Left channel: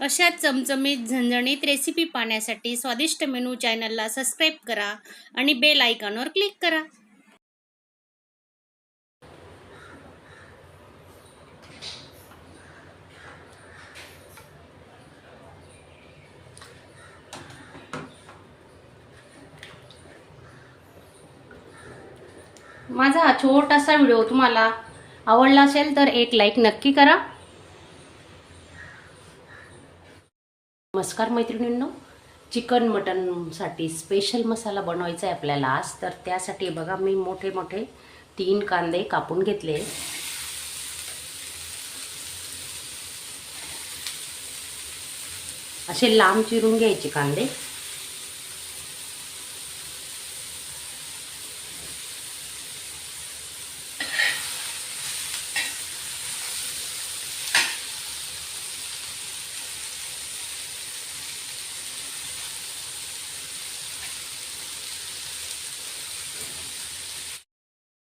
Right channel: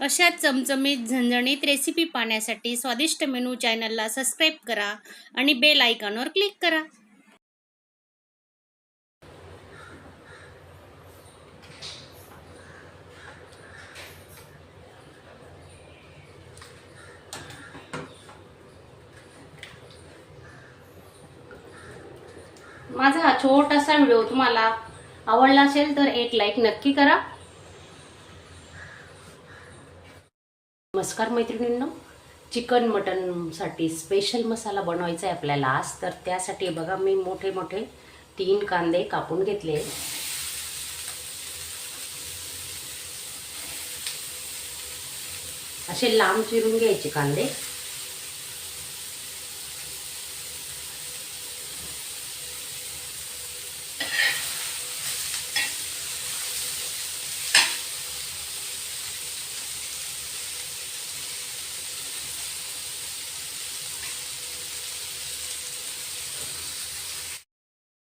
अशाच चमचमीत झणझणीत रेसिपी पाहण्यासाठी स्वादिष्ट मेनू चॅनलला सबस्क्राईब करा आणि बेल आयकॉनवर क्लिक करा. माझा हा छोटासा व्हिडिओ तुम्हाला आवडला असेल तर एक लाईक नक्की करा. नमस्कार मैत्रिणींनो, चिकन मटन साठी स्पेशल मसाला बनवायचा आहे आपल्याला आज. तर त्यासाठी बघा मी मोठे मोठे 3 कांदे कापून घेतले. असे लांब चिरून घ्यायचे कांदे.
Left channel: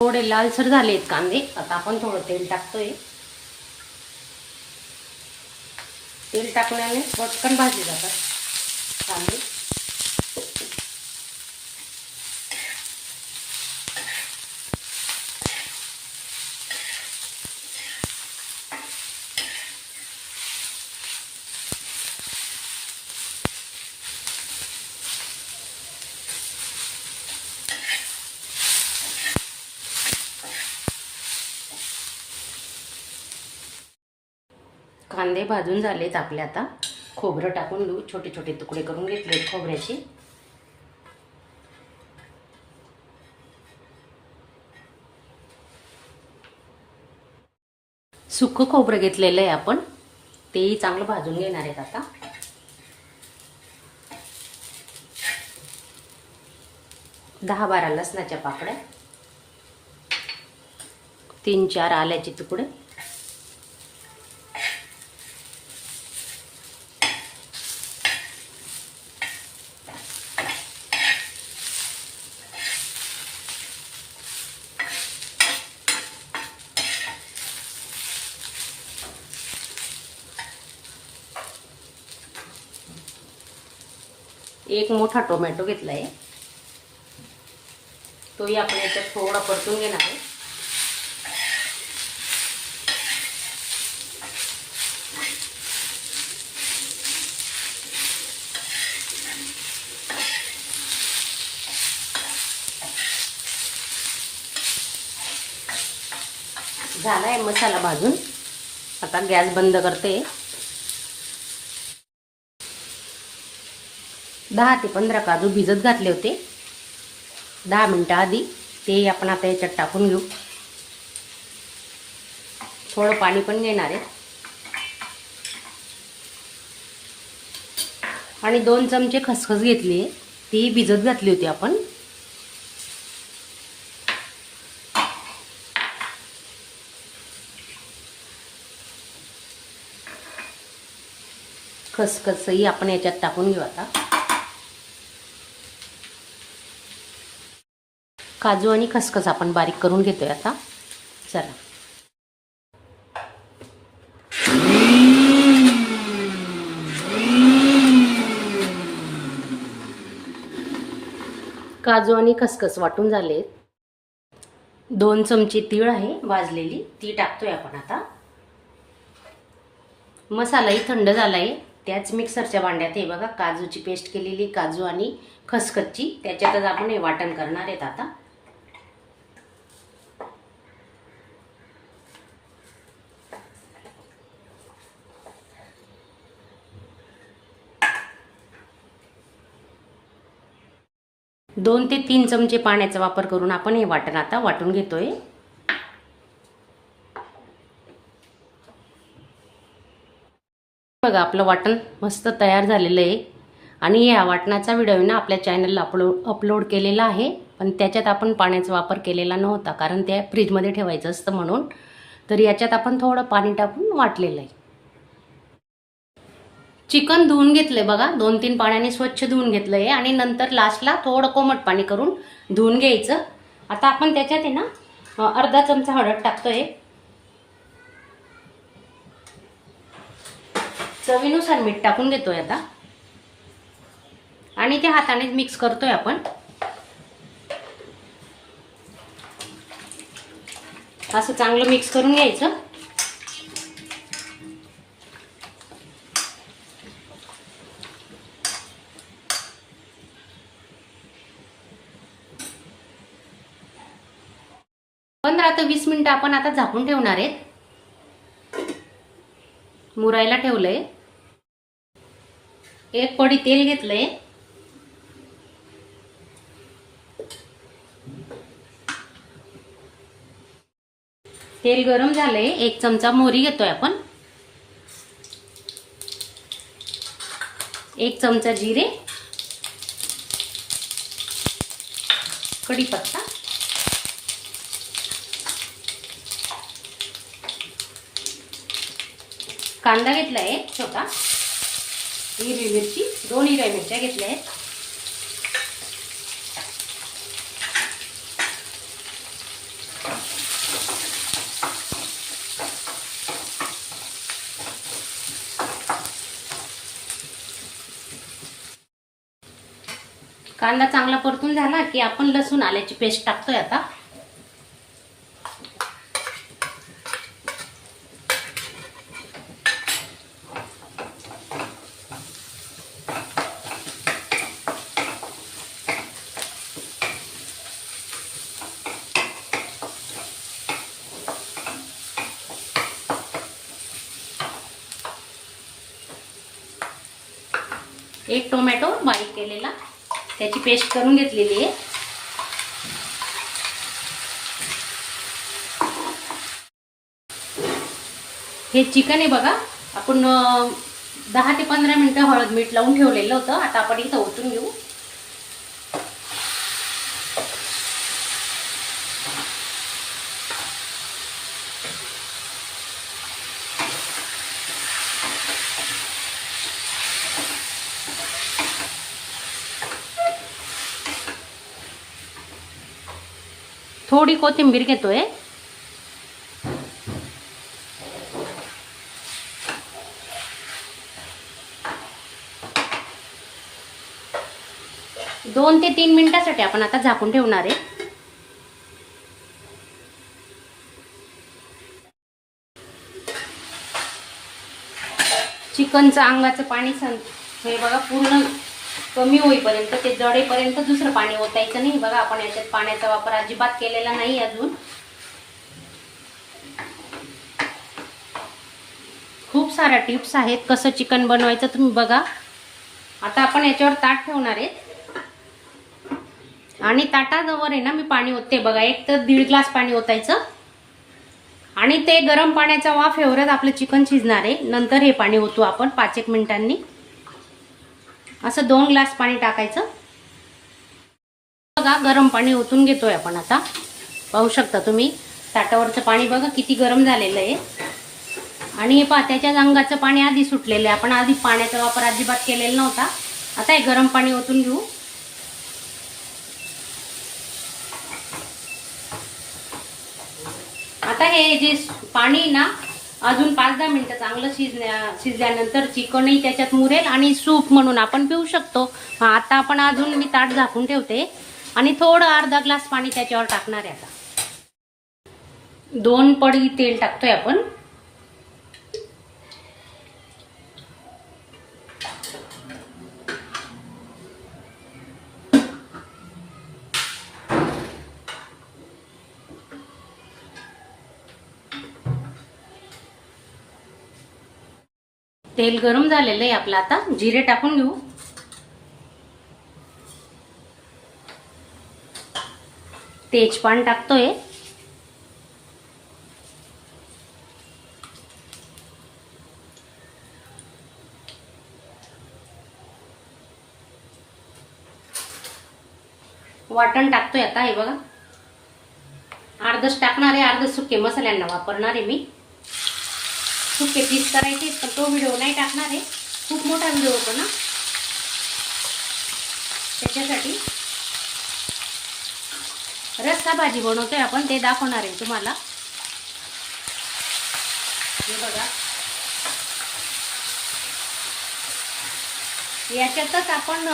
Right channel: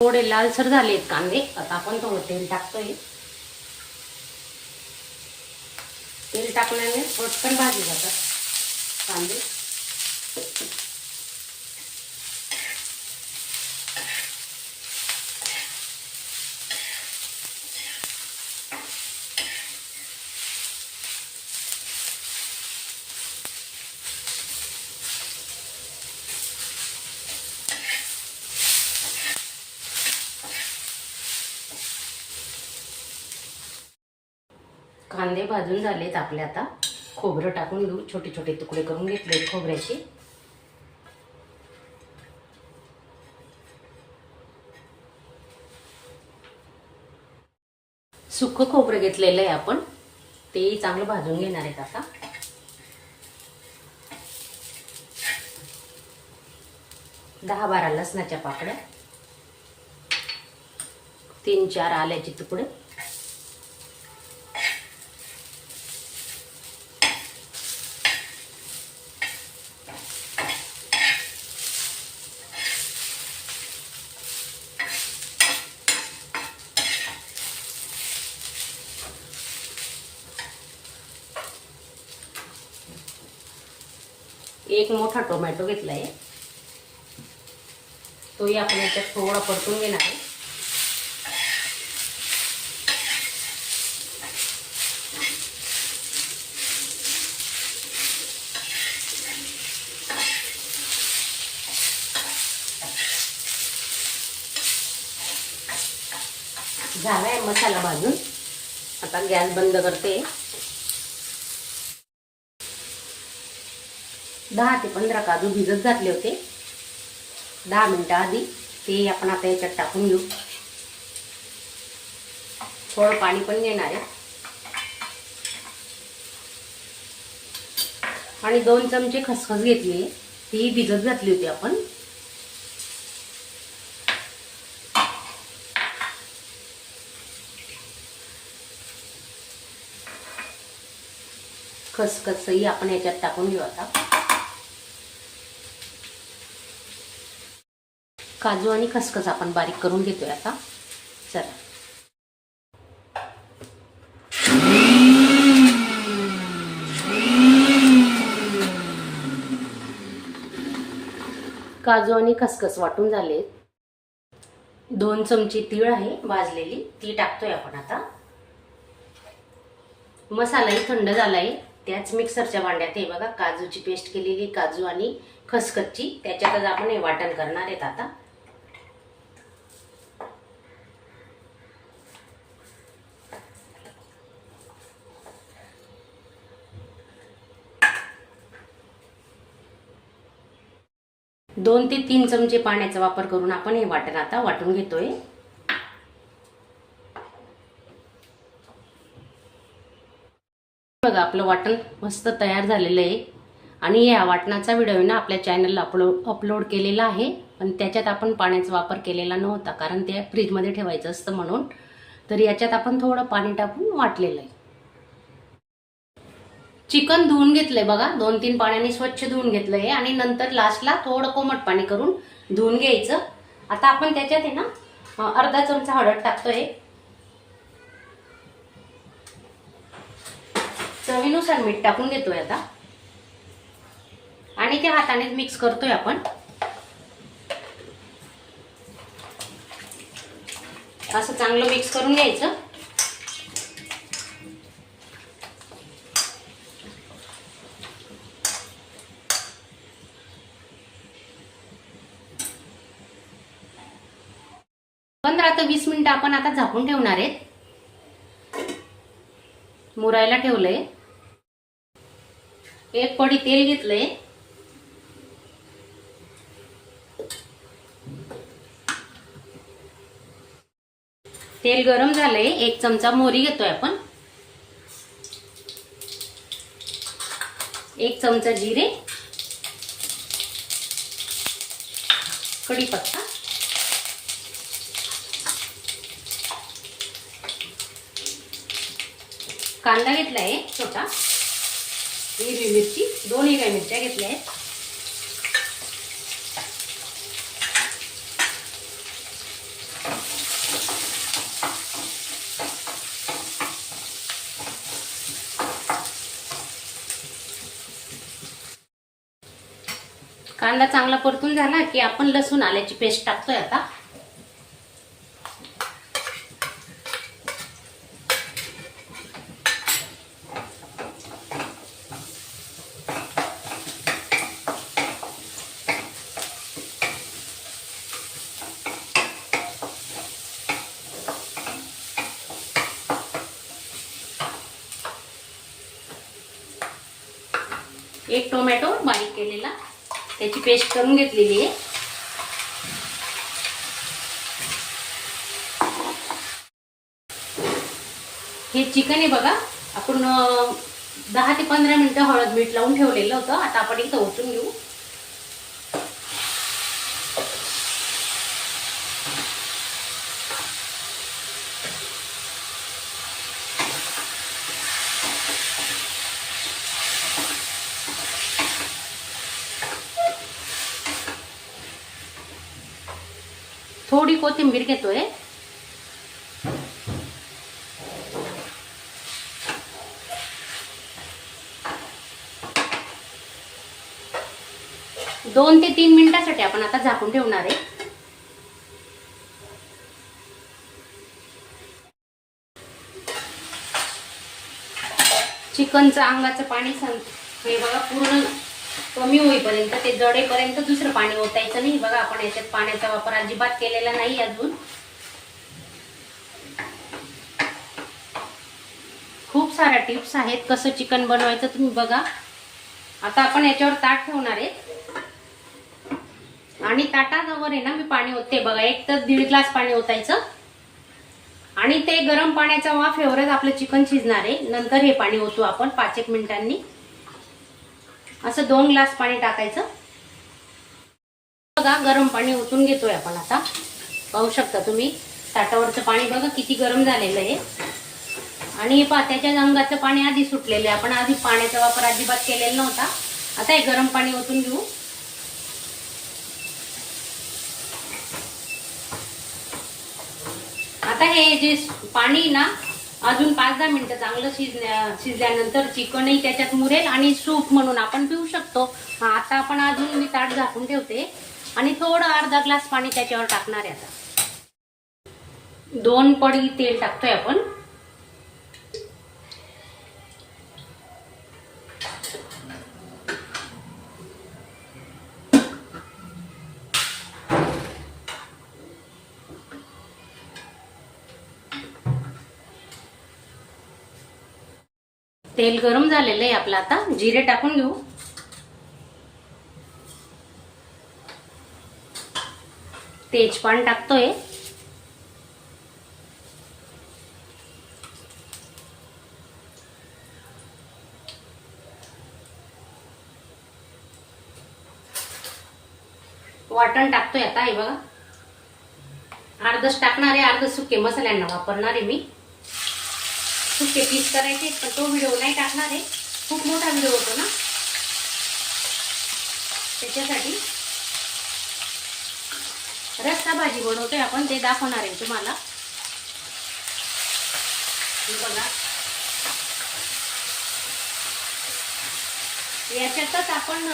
थोडे लालसर झालेत कांदे. आता आपण थोडं तेल टाकतोय. तेल टाकल्याने पटकन भाजले जातात कांदे. कांदे भाजून झालेत आपले. आता खोबरं टाकून घेऊ. छोटे छोटे तुकडे करून घेतले खोबऱ्याचे. सुकं खोबरं घेतलेलं आहे आपण, तेही चांगलं भाजून घेणार आहेत. आता 10-12 लसणाच्या पाकळ्या, 3-4 आल्याचे तुकडे, एक मोठा टोमॅटो घेतलाय, तोही आपण याच्यात थोडा परतून घेणार आहे. झालाय मसाला भाजून. आता गॅस बंद करते. 10 ते 15 काजू भिजत घातले होते 10 मिनिटं आधी. ते आपण आता याच्यात टाकून घेऊ. थोडं पाणी पण घेणार आहे आणि 2 चमचे खसखस घेतली, ती भिजत घातली होती आपण. खसखसही आपण याच्यात टाकून घेऊ. आता काजू आणि खसखस आपण बारीक करून घेतोय. आता चला, काजू आणि खसखस वाटून झाले. 2 चमचे तीळ आहे भाजलेली, ती टाकतोय आपण. आता मसालाही थंड झालाय. त्याच मिक्सरच्या भांड्यात हे बघा काजूची पेस्ट केलेली, काजू आणि खसखसची, त्याच्यातच आपण हे वाटण करणार आहेत. आता दोन ते 3 चमचे पाण्याचा वापर करून आपण हे वाटण आता वाटून घेतोय. बघा आपलं वाटण मस्त तयार झालेलं आहे. आणि या वाटणाचा व्हिडिओ ना आपल्या चॅनलला अपलोड केलेला आहे, पण त्याच्यात आपण पाण्याचा वापर केलेला नव्हता, कारण ते फ्रीजमध्ये ठेवायचं असतं म्हणून. तर याच्यात आपण थोडं पाणी टाकून वाटलेलं आहे. चिकन धुवून घेतलंय बघा, 2-3 पाण्याने स्वच्छ धुवून घेतलंय आणि नंतर लास्टला थोडं कोमट पाणी करून धुवून घ्यायचं. आता आपण त्याच्यात आहे ना अर्धा चमचा हळद टाकतोय. चवीनुसार मीठ टाकून देतोय आता आणि ते हाताने मिक्स करतोय आपण. असं चांगलं मिक्स करून घ्यायचं. पंधरा ते 20 मिनिटं आपण आता झाकून ठेवणार आहेत. मुरायला ठेवलंय. एक पडी तेल घेतलंय. तेल गरम झालंय. 1 चमचा मोहरी घेतोय आपण. 1 चमचा जिरे, कढीपत्ता, कांदा घेतलाय छोटा, हिरवी मिरची, 2 हिरव्या मिरच्या घेतल्या आहेत. कांदा चांगला परतून झाला की आपण लसूण आल्याची पेस्ट टाकतोय आता. एक टोमॅटो बारीक केलेला, त्याची पेस्ट करून घेतलेली आहे. हे चिकन आहे बघा, आपण 10 ते 15 मिनिटं हळद मीठ लावून ठेवलेलं होतं. आता आपण इथं ओतून घेऊ. थोडी कोथिंबीर घेतोय. दोन ते 3 मिनिटांसाठी आपण आता झाकून ठेवणार आहे. चिकनचं अंगाचं पाणी हे बघा पूर्ण कमी होईपर्यंत, ते जडेपर्यंत दुसरं पाणी ओतायचं नाही. बघा आपण याच्यात पाण्याचा वापर अजिबात केलेला नाही अजून. खूप साऱ्या टिप्स आहेत कसं चिकन बनवायचं, तुम्ही बघा. आता आपण याच्यावर ताट ठेवणार आहे आणि ताटाजवळ आहे ना मी पाणी ओतते बघा. 1 ते 1.5 ग्लास पाणी ओतायचं आणि ते गरम पाण्याचा वाफ एवढंच आपलं चिकन शिजणार आहे. नंतर हे पाणी ओतू आपण 5-1 मिनिटांनी. असं 2 ग्लास पाणी टाकायचं. बघा गरम पाणी ओतून घेतोय आपण आता. पाहू शकता तुम्ही ताटावरचं पाणी बघा किती गरम झालेलं आहे. आणि हे पहा त्याच्या अंगाचं पाणी आधी सुटलेलं आहे. आपण आधी पाण्याचा वापर अजिबात केलेला नव्हता. आता हे गरम पाणी ओतून घेऊ. आता हे जे पाणी ना अजून 5-10 मिनिटं चांगलं शिजल्यानंतर चिकनही त्याच्यात मुरेल आणि सूप म्हणून आपण पिऊ शकतो. आता आपण अजून मी ताट झाकून ठेवते आणि थोडं अर्धा ग्लास पाणी त्याच्यावर टाकणार आहे. आता 2 पडी तेल टाकतोय आपण. तेल गरम झालेलं आहे आपलं. आता जिरे टाकून घेऊ. तेजपान टाकतोय. वाटण टाकतोय आता. हे बघा अर्धच टाकणार आहे, अर्ध सुके मसाल्यांना वापरणार आहे मी. सुके पीस करायचे पण तो व्हिडिओ नाही टाकणार आहे, खूप मोठा व्हिडिओ होतो ना त्याच्यासाठी. रस्सा भाजी बनवतोय आपण, ते दाखवणार आहे तुम्हाला. हे बघा याच्यातच आपण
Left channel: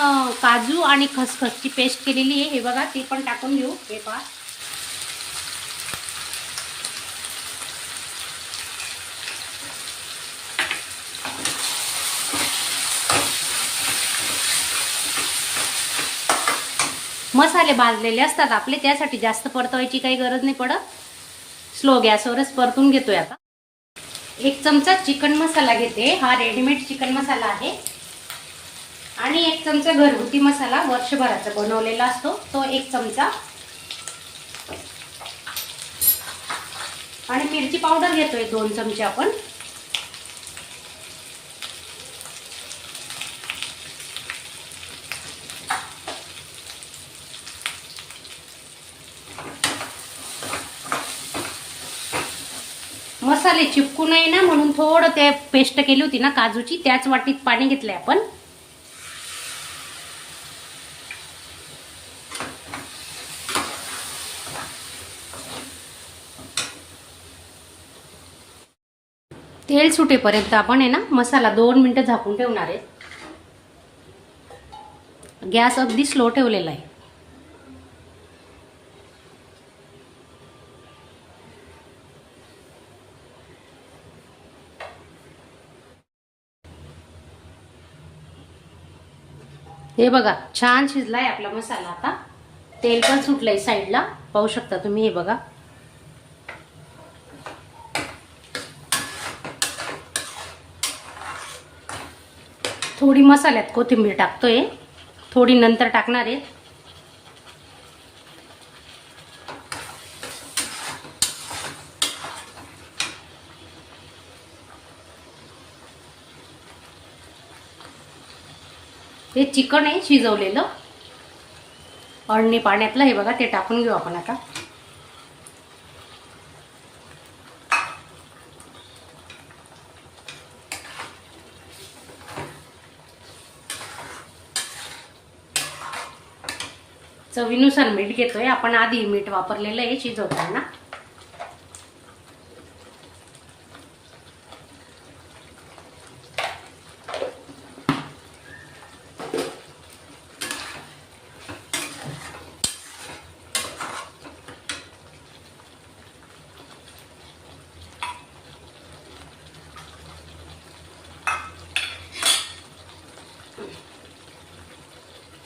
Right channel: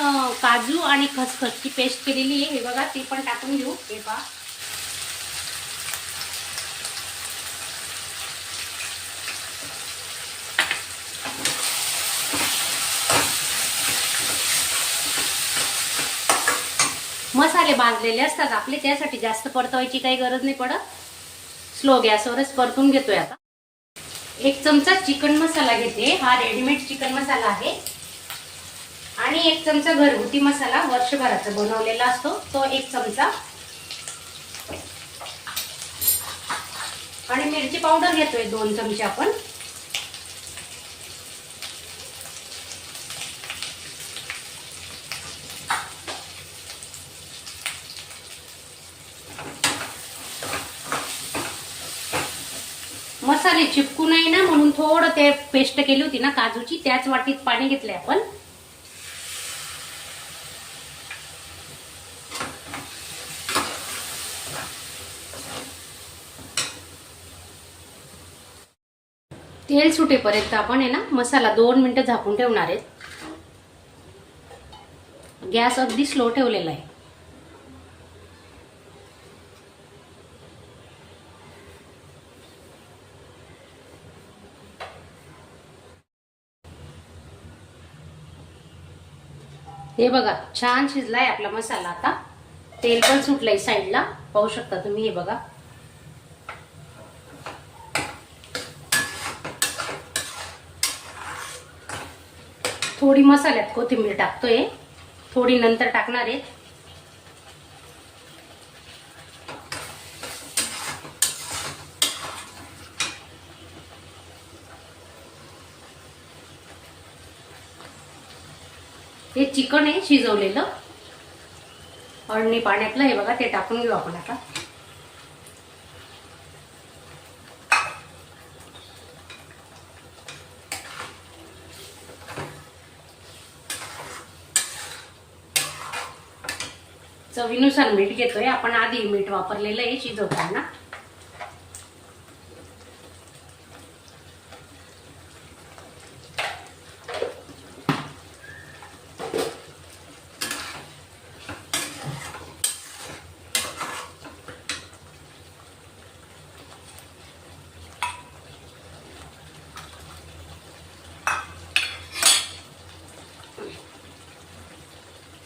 काजू आणि खसखसची पेस्ट केलेली आहे, हे बघा, ती पण टाकून घेऊ. हे पहा, मसाले भाजलेले असतात आपले, त्यासाठी जास्त परतवायची काही गरज नाही पडत. स्लो गॅसवरच परतून घेतोय. आता 1 चमचा चिकन मसाला घेते. हा रेडीमेड चिकन मसाला आहे. आणि 1 चमचा घरगुती मसाला वर्षभराचा बनवलेला असतो, तो 1 चमचा. आणि मिरची पावडर घेतोय 2 चमचे आपण. मसाले चिपकू नये ना म्हणून थोडं ते पेस्ट केली होती ना काजूची, त्याच वाटीत पाणी घेतलंय आपण. तेल सुटेपर्यंत आपण आहे ना मसाला 2 मिनिटं झाकून ठेवणार आहे. गॅस अगदी स्लो ठेवलेला आहे. हे बघा, छान शिजलाय आपला मसाला. आता तेल पण सुटलंय साईडला, पाहू शकता तुम्ही. हे बघा, थोडी मसाल्यात कोथिंबीर टाकतोय, थोडी नंतर टाकणार आहे. हे चिकन आहे शिजवलेलं अळणी पाण्यातलं, हे बघा, ते टाकून घेऊ आपण आता. चवीनुसार मीठ घेतोय आपण. आधी मीठ वापरलेलं आहे शिजवताना.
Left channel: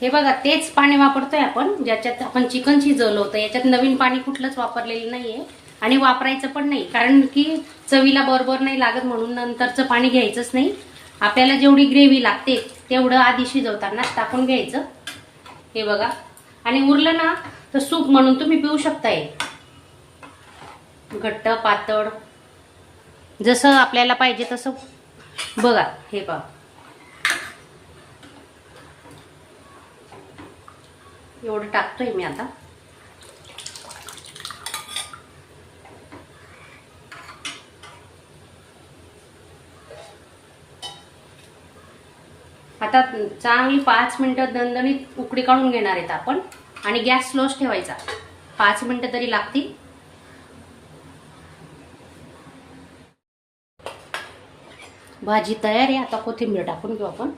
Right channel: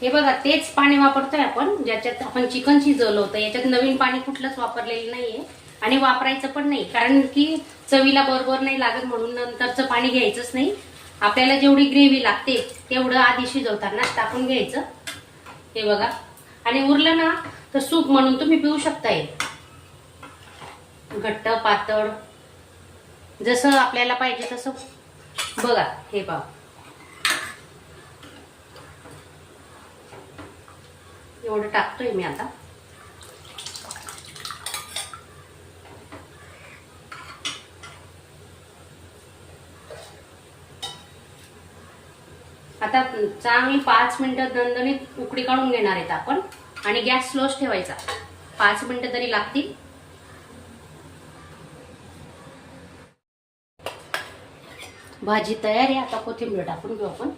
हे बघा, तेच पाणी वापरतोय आपण ज्याच्यात आपण चिकन शिजवलं होतं. याच्यात नवीन पाणी कुठलंच वापरलेलं नाहीये आणि वापरायचं पण नाही, कारण की चवीला बरोबर नाही लागत म्हणून नंतरचं पाणी घ्यायचंच नाही. आपल्याला जेवढी ग्रेव्ही लागते तेवढं आधी शिजवतानाच टाकून घ्यायचं. हे बघा, आणि उरलं ना तर सूप म्हणून तुम्ही पिऊ शकताय. घट्ट पातळ जसं आपल्याला पाहिजे तसं. बघा, हे बघा, एवढं टाकतोय मी आता. आता चांगली 5 मिनिटं दणदणीत उकळी काढून घेणार आहेत आपण. आणि गॅस स्लोच ठेवायचा, 5 मिनिटं तरी लागतील. भाजी तयार आहे. आता कोथिंबीर टाकून घेऊ आपण.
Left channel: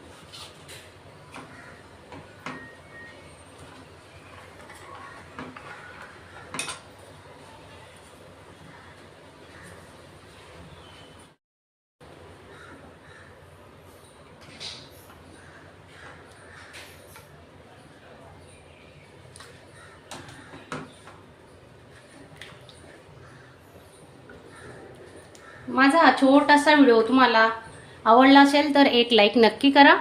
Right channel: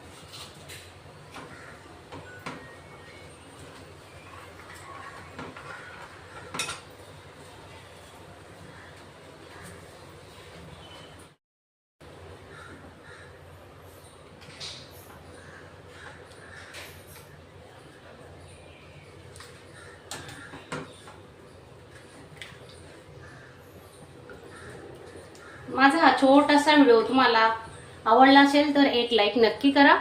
माझा हा छोटासा व्हिडिओ तुम्हाला आवडला असेल तर एक लाईक नक्की करा.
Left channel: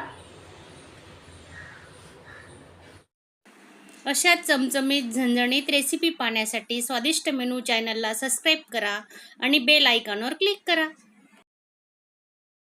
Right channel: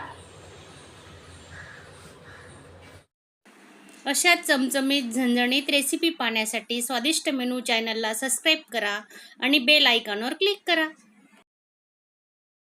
अशा चमचमीत झणझणीत रेसिपी पाहण्यासाठी स्वादिष्ट मेनू चॅनलला सबस्क्राईब करा आणि बेल आयकॉनवर क्लिक करा.